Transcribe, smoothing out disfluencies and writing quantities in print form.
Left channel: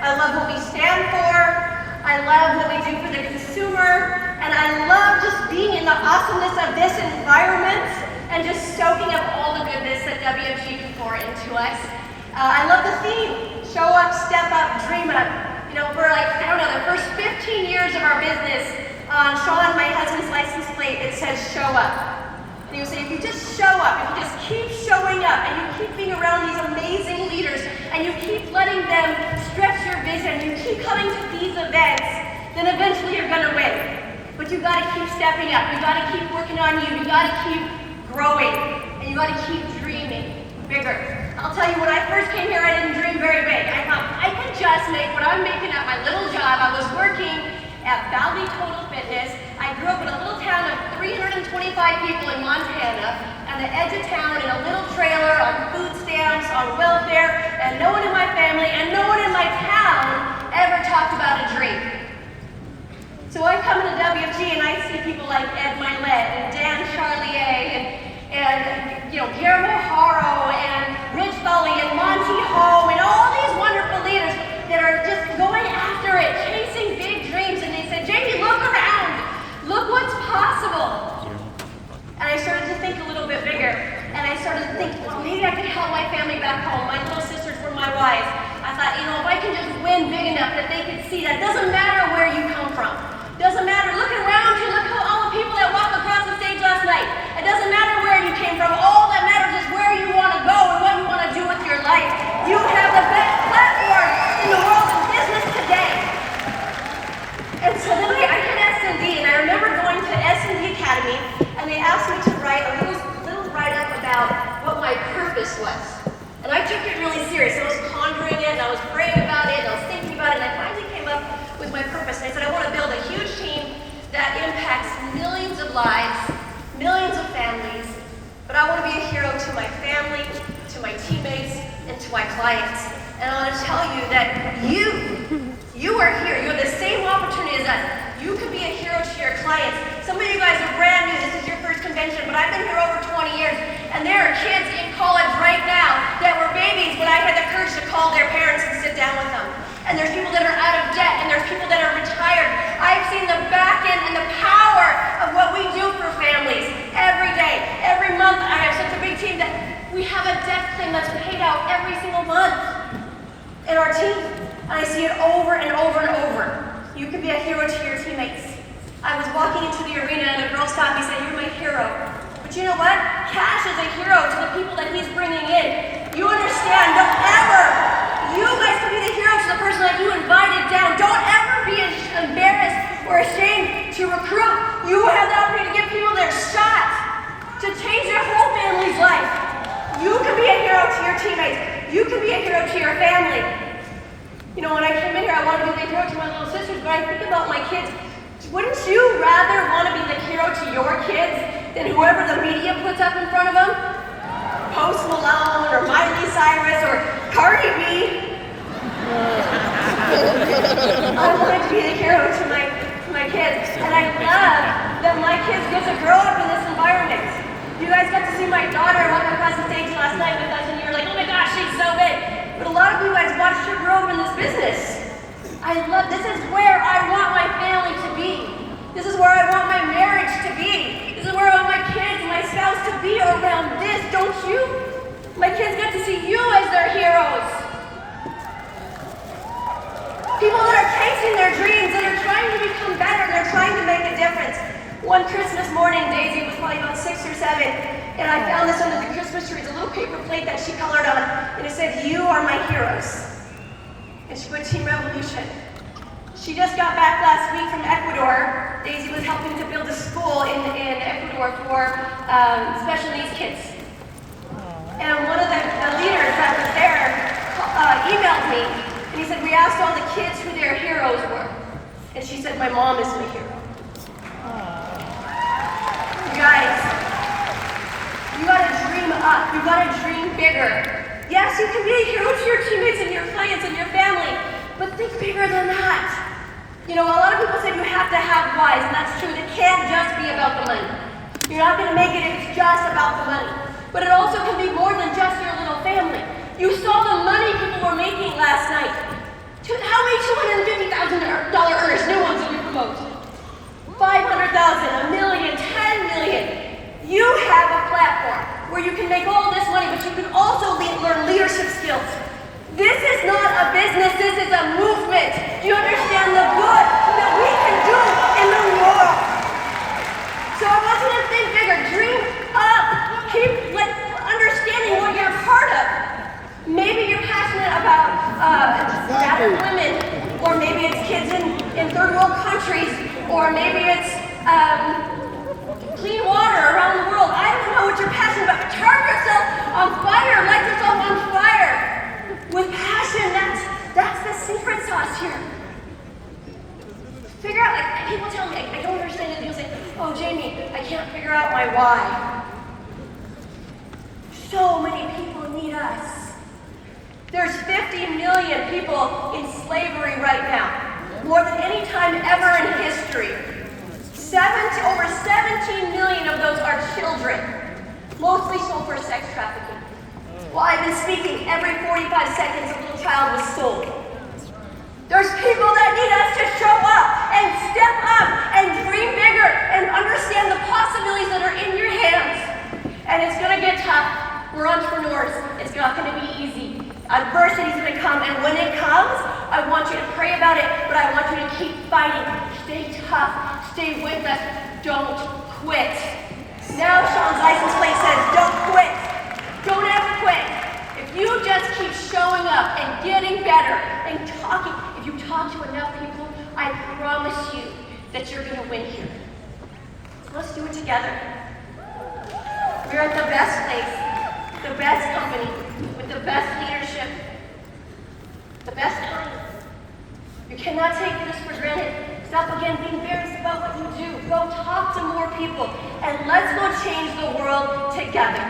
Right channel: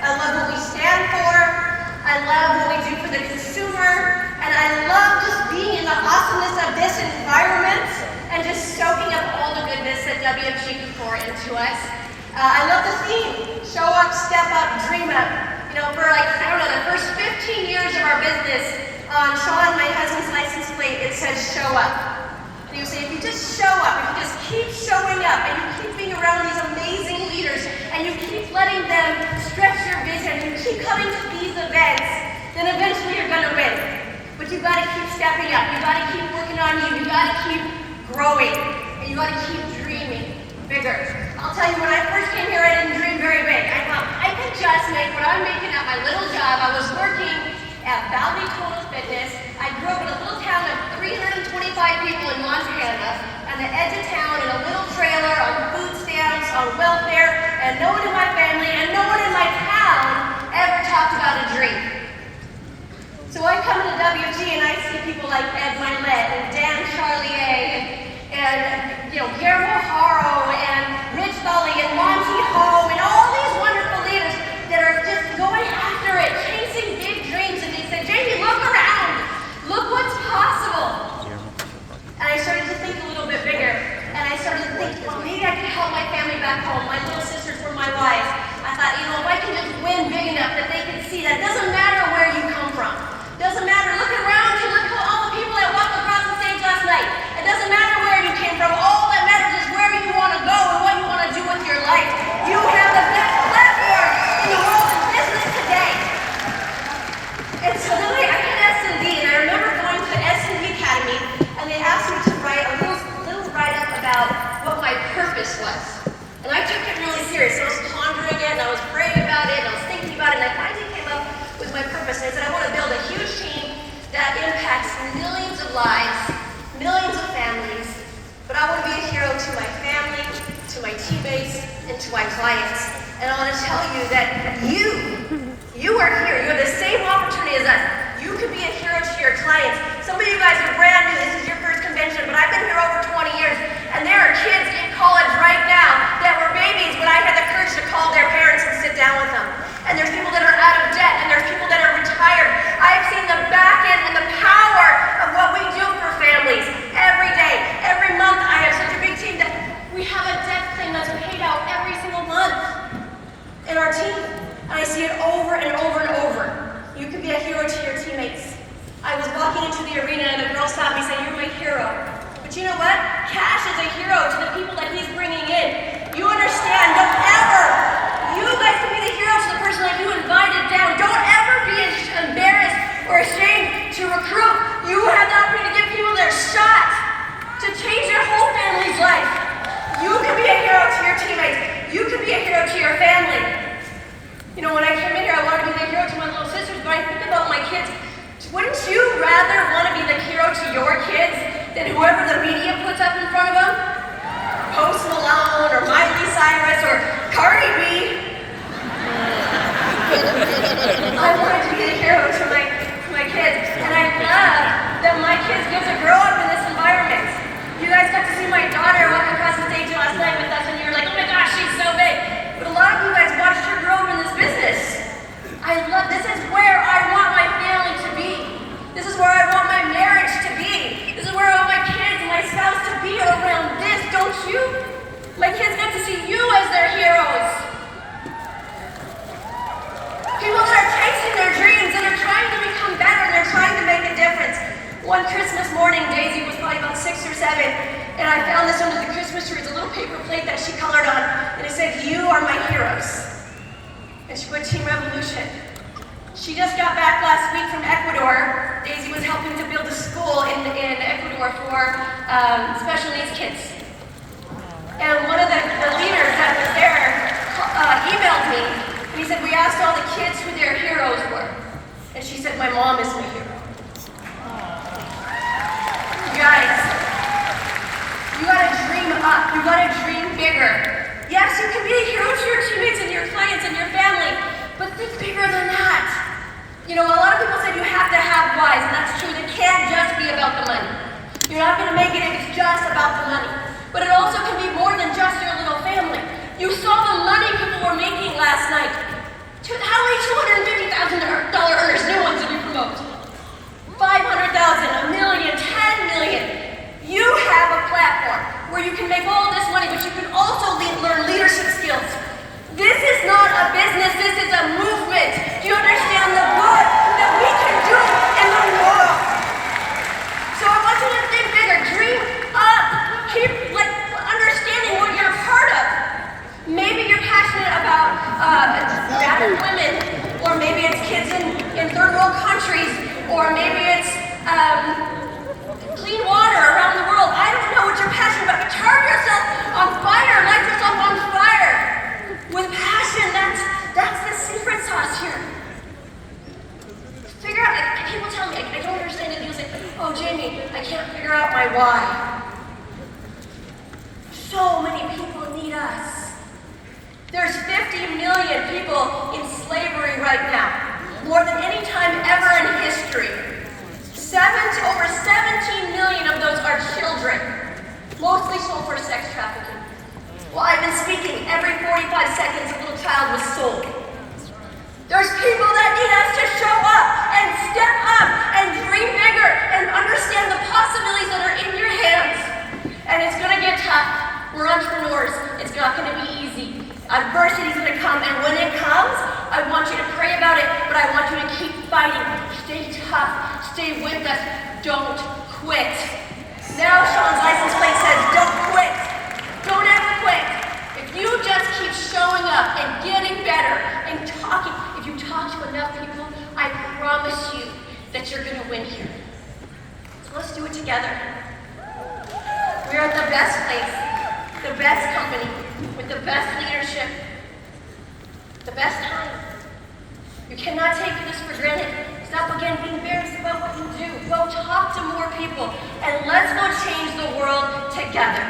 I love what we stand for. I love what we do for the consumer. And I love just being in the awesomeness of this environment and just soaking up all the goodness that WFG can pour into us. I love the theme, show up, step up, dream up. You know, for like, I don't know, the first 15 years of our business, on Sean, my husband's license plate, it says show up. And he would say, if you just show up, if you just keep showing up, and you keep being around these amazing leaders, and you keep letting them stretch your vision, you keep coming to these events, then eventually you're gonna win. But you gotta keep stepping up, you gotta keep working on you gotta keep growing, and you gotta keep dreaming bigger. I'll tell you, when I first came here, I didn't dream very big. I thought, I could just make what I'm making at my little job. I was working at Valley Total Fitness. I grew up in a little town of 325 people in Montana, on the edge of town in a little trailer, on food stamps, on welfare, and no one in my family and no one in my town ever talked about a dream. So I come to WFG and I see people like Ed Milet and Dan Charlier and you know, Guillermo Haro and Rich Tholley and Monty Ho and all these wonderful leaders that are just going after it, chasing big dreams. And they said, Jamie, look around. Look what's possible. And I started to think a little bit bigger. And I started to think, well, maybe I can help my family back home. My little sisters were my wives. I thought, you know, if I can just win big enough that they can see that it doesn't matter where you come from. Doesn't matter. Look around you. Look at all the people that walked across the stage last night. It doesn't matter where you came from. All that matters is where you want to go and what you want to do with your life. You have the best platform in the world in business today. And so then I did S&D, and I remember going to the S&D Academy, and they asked me to write a little write-up about what my purpose was. And I took it really serious. I was pondering it, and I was praying about it, and I was thinking about it, and I finally came up with my purpose. And I said, I want to build a huge team that impacts millions of lives, millions of families, but I want to be a hero to my family, to my teammates, and to my clients. And I want to tell you that you are here. You have the same opportunity as us. You could be a hero to your clients. Some of you guys are brand new. This is your first convention, but I've been here over 20 years, and there are kids in college right now that were babies, but I had the courage to call their parents and sit down with them. And there's people that are out of debt, and there's people that are retired. I've seen the back end and the power of what we do for families every day. Every month, I have such a big team that we have a death claim that's paid out every single month in our team. And I see it over and over and over. You can be a hero to your teammates. I was walking into the arena, and a girl stopped me and said, "You're my hero." But you know what? Cash is a hero to the people that he's bringing in. You understand, don't ever, you guys can be the hero to the person that you invited down. Don't ever be embarrassed or ashamed to recruit. You have the opportunity to give people their shot to change their whole family's life. You can be a hero to your teammates. You can be a hero to your family. You know, when I came in here, I wanted to be the hero to my little sisters, but I think about my kids. Wouldn't you rather want to be the hero to your kids than whoever the media puts up in front of them? Post Malone or Miley Cyrus or Cardi B. I wanted to be the hero to my kids, and I love that my kids get to grow up in this environment. You guys got to see my daughter walk across the stage last night with us, and you were like, "Oh my gosh, she's so big." But a lot of you guys watched her grow up in this business. This is where I want my family to be. This is where I want my marriage to be. This is where I want my kids and my spouse to be around this, don't you? My kids get to see you as their heroes. People that are chasing their dreams, that are trying to become better, and they're trying to make a difference. One Christmas morning, Daisy was probably about 6 or 7, and I found this under the Christmas tree. It's a little paper plate that she colored on, and it said, "You are my heroes." And she put Team Revolution. She just got back last week from Ecuador. Daisy was helping to build a school in Ecuador for special needs kids. And one of the leaders that was there emailed me, and he said, "We asked all the kids who their heroes were." And she said, "My mom is my hero." You guys, you gotta dream up. You gotta dream bigger. Yes, you can be a hero to your teammates and your clients and your family, but think bigger than that. You know, a lot of people said you have to have whys, and that's true. It can't just be about the money. You're not going to make it if it's just about the money. But it also can be more than just your little family. You saw the money people were making last night. How You have a platform where you can make all this money, but you can also learn leadership skills. This is not a business, this is a movement. Do you understand the good that we can do in the world? So I want you to think bigger, dream up, keep understanding what you're a part of. Maybe you're passionate about battered women, or maybe it's kids in third world countries, or maybe it's clean water around the world. I don't know what you're passionate about, but turn yourself on fire, light yourself on fire. With passion, that's the secret sauce here. Figure out, people tell me, I don't understand it. People say, oh, Jamie, I can't figure out my why. So many people need us. There's 50 million people in slavery right now, more than any time ever in history. Over 17 million of those are children, mostly sold for sex trafficking. While I've been speaking, every 45 seconds a little child was sold. There's people that need us to show up and step up and dream bigger and understand the possibilities that are in your hands. And it's going to get tough. We're entrepreneurs. It's not going to be easy. Adversity is going to come, and when it comes, I want you to pray about it, but I want you to keep fighting. Stay tough. Stay with us. Don't quit. Now Sean's license plate says, don't quit. Don't ever quit. If you just keep showing up and getting better and talking, if you talk to enough people, I promise you that you're going to win here. So let's do it together. We're at the best place, the best company, with the best leadership, the best time. You cannot take this for granted. Stop again being embarrassed about what you do. Go talk to more people, and let's go change the world together.